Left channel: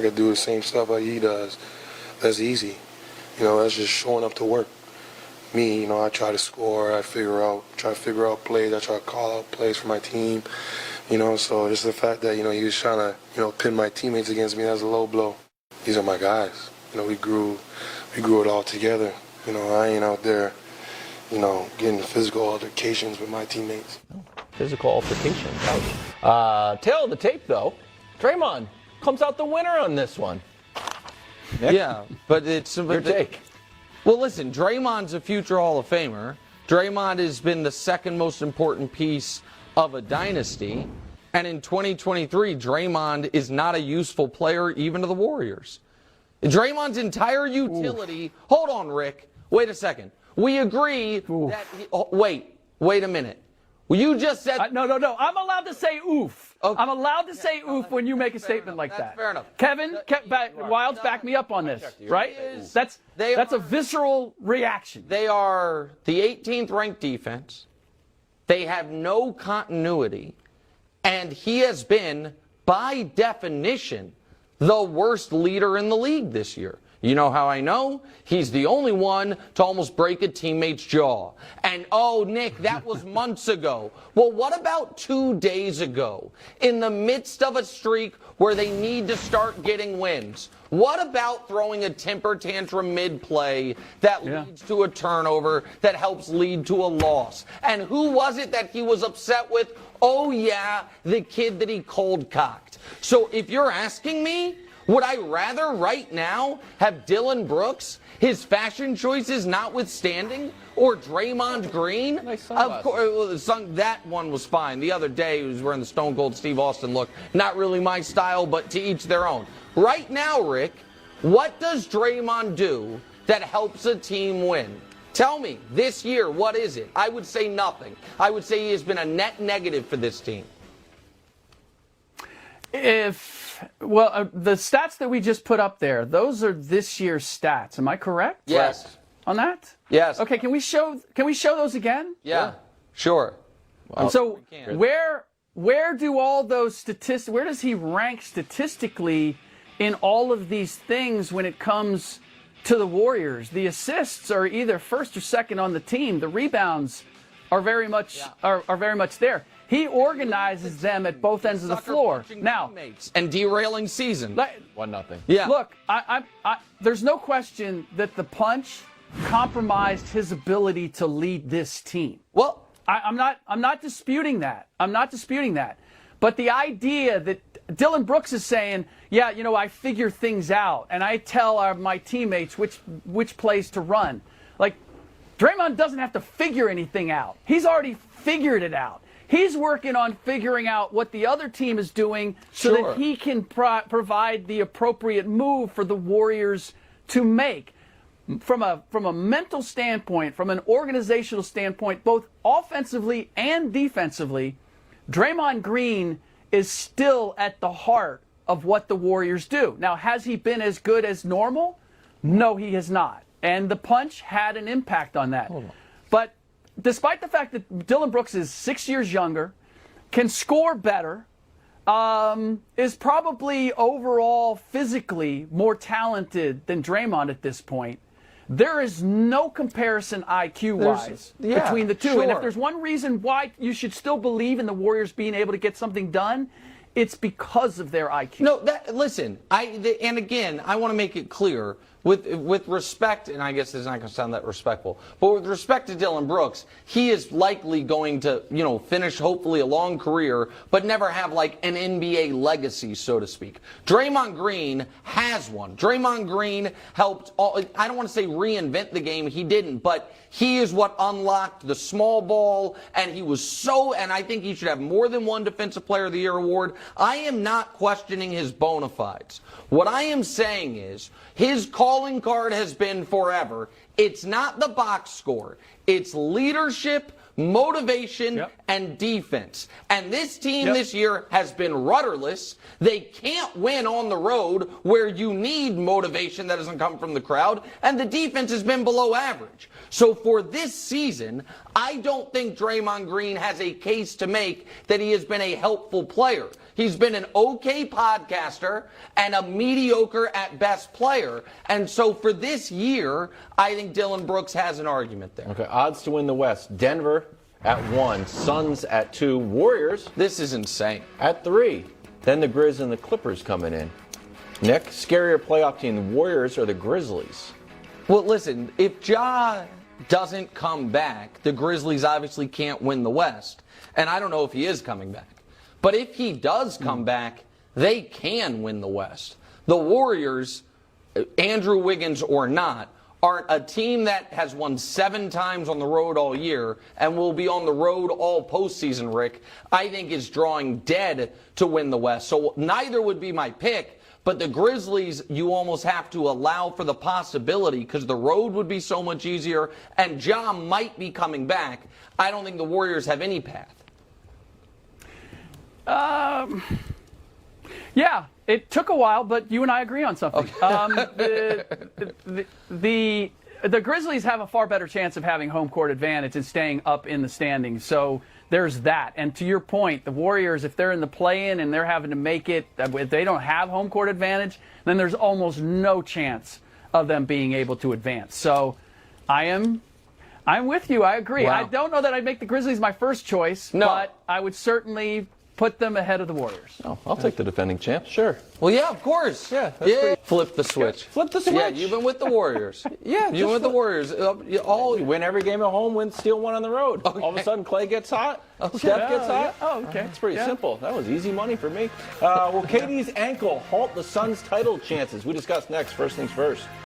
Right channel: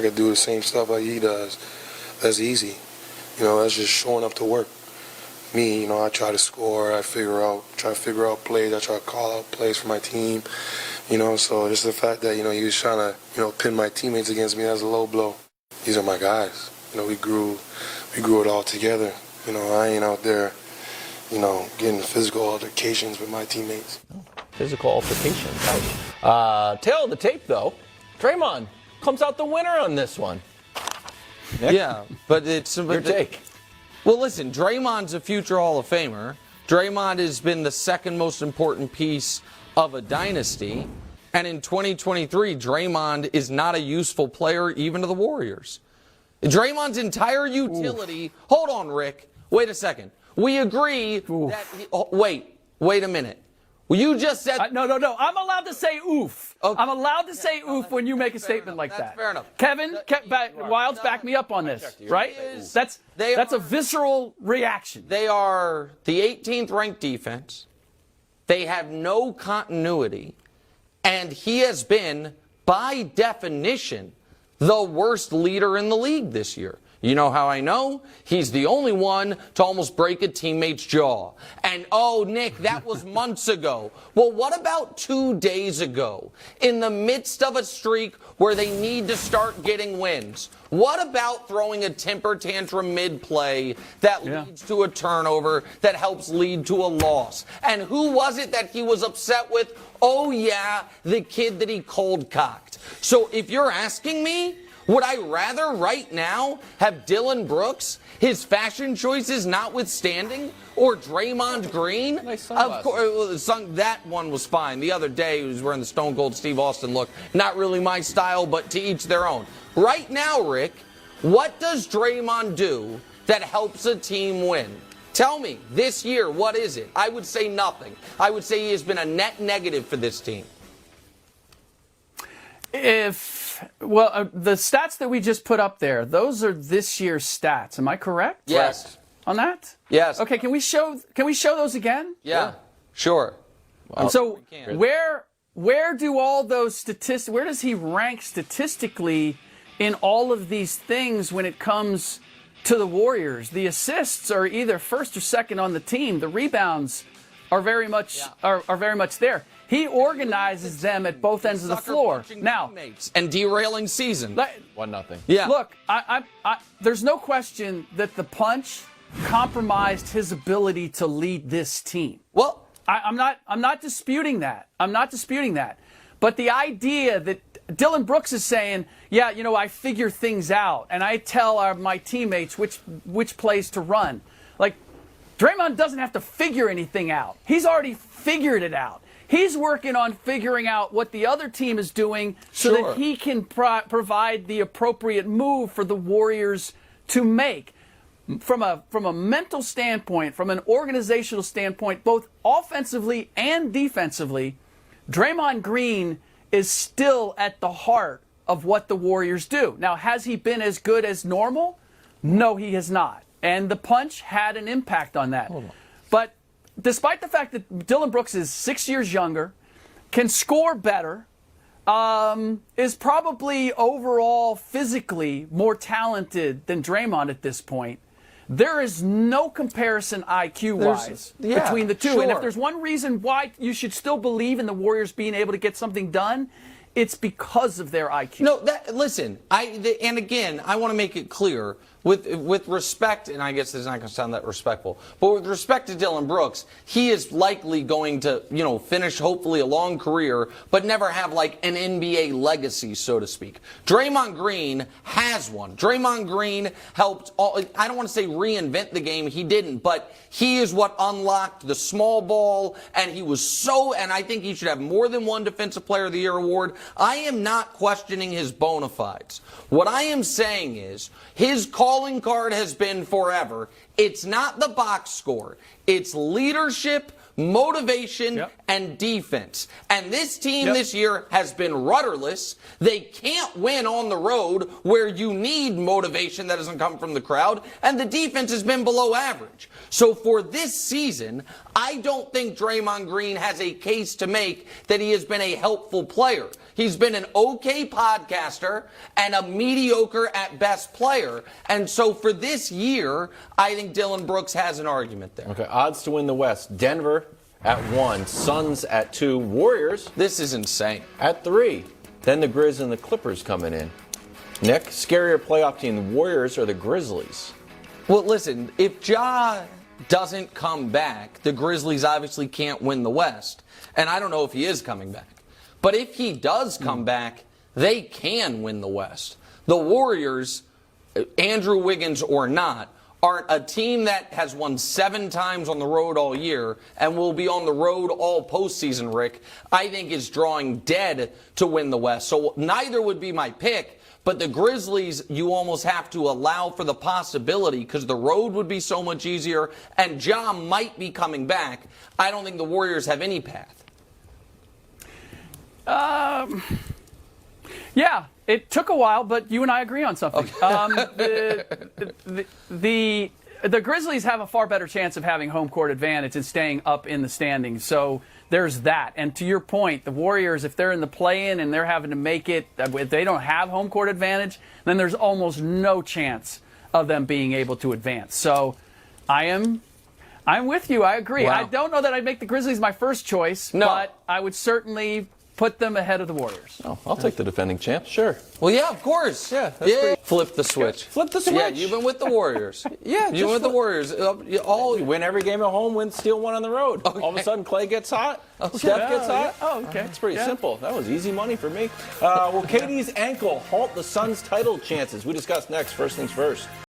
I could do the same stuff like he does. That's easy. That's just showing up to work. Me, I try to score. I try to figure out plays. I try to call out plays for my team. So just the fact that, he was trying to, pin my teammates against me, that's a low blow. These are my guys. We grew it all together. I ain't out there, getting physical altercations with my teammates. Physical altercations. Tail of the tape, though. Draymond comes out the winner on this one. Nick? Yeah, but it's your take. Well, listen, Draymond's a future Hall of Famer. Draymond has been the second most important piece of a dynasty. And in 2023, Draymond is not a useful player even to the Warriors. Draymond's entire utility. Oof. Hold on, Rick. Wait a second. We agree that. Wait a minute. Well, you just said. No. I'm allowed to say oof. Okay. I'm allowed to say oof when you make a statement like that. Fair enough. Kevin, Wildes, back me up on this, right? That's a visceral reaction. They are the 18th ranked defense. They have no continuity. And he has been, by definition, the worst leader in the league this year. You know how I know? He's the only one to almost break a teammate's jaw. And, oh, Nick, that was months ago. Well, what about 2 days ago, in the midst of a streak where they need to start getting wins? What about throwing a temper tantrum mid-play that leads to a turnover that helps lead to a loss? And who was it that he was upset with? Oh, yeah, the kid that he cold-cocked. So if you're asking me, would I rather right now have Dillon Brooks, his fashion choices notwithstanding, or Draymond Green? Of course, that one was fine. The other day he was wearing the Stone Cold Steve Austin look. Not really my style, but to each their own. Right now, Rick, what does Draymond do that helps a team win? Tell me, this year, what is it? I would say nothing. I would say he has been a net negative for this team. The stats that we just put up there, those are this year's stats. Am I correct? Yes. On that? Yes. Okay, can we show those again? Yeah. Sure. Well, so where do all those statistics, where does he rank statistically in all of these things when it comes to the Warriors? The assists are either first or second on the team. The rebounds are very much there. He organizes them at both ends of the floor. Now, and derailing season. 1-0. Yeah. Look, there's no question that the punch compromised his ability to lead this team. Well, I'm not disputing that. I'm not disputing that. But the idea that Dillon Brooks is saying, yeah, I figure things out and I tell my teammates which plays to run. Like, Draymond doesn't have to figure anything out. He's already figured it out. He's working on figuring out what the other team is doing so that he can provide the appropriate move for the Warriors to make. From a mental standpoint, from an organizational standpoint, both offensively and defensively, Draymond Green is still at the heart of what the Warriors do. Now, has he been as good as normal? No, he has not. And the punch had an impact on that. But despite the fact that Dillon Brooks is 6 years younger, can score better, is probably overall physically more talented than Draymond at this point, there is no comparison IQ-wise between the two. And if there's one reason why you should still believe in the Warriors being able to get something done, it's because of their IQ. No, listen, and again, I want to make it clear, with respect, and I guess it's not going to sound that respectful, but with respect to Dillon Brooks, he is likely going to, finish hopefully a long career, but never have like an NBA legacy, so to speak. Draymond Green has one. Draymond Green helped, I don't want to say reinvent the game, he didn't, but he is what unlocked the small ball, and and I think he should have more than one Defensive Player of the Year award. I am not questioning his bona fides. What I am saying is, his calling card has been forever. It's not the box score. It's leadership, motivation, and defense. And this team this year has been rudderless. They can't win on the road where you need motivation that doesn't come from the crowd. And the defense has been below average. So for this season, I don't think Draymond Green has a case to make that he has been a helpful player. He's been an okay podcaster and a mediocre at best player. And so for this year, I think Dillon Brooks has an argument there. Okay, odds to win the West. Denver at 1, Suns at 2, Warriors This is insane. at 3. Then the Grizz and the Clippers coming in. Nick, scarier playoff team, the Warriors or the Grizzlies? Well, listen, if Ja doesn't come back, the Grizzlies obviously can't win the West. And I don't know if he is coming back. But if he does come back, they can win the West. The Warriors, Andrew Wiggins or not, are a team that has won 7 times on the road all year and will be on the road all postseason, Rick, I think is drawing dead to win the West. So neither would be my pick. But the Grizzlies, you almost have to allow for the possibility because the road would be so much easier and Ja might be coming back. I don't think the Warriors have any path. Yeah, it took a while, but you and I agree on something. The Grizzlies have a far better chance of having home court advantage and staying up in the standings. So there's that. And to your point, the Warriors, if they're in the play-in and they're having to make it, if they don't have home court advantage, then there's almost no chance of them being able to advance. So I'm with you. I agree. Wow. I don't know that I'd make the Grizzlies my first choice, but I would certainly put them ahead of the Warriors. Oh, I'll take the defending champs, sure. Well, yeah, of course. Yeah, that's pretty- Flip the switch. Flip the switch. Yeah, you've been with the Warriors. Yeah, you've been with the Warriors. You win every game at home, steal one on the road. Okay. All of a sudden, Clay gets hot. Steph gets hot. Oh, okay. That's pretty simple. That was easy money for me. Will KD's ankle halt the Suns' title chances? We discuss next. First things first.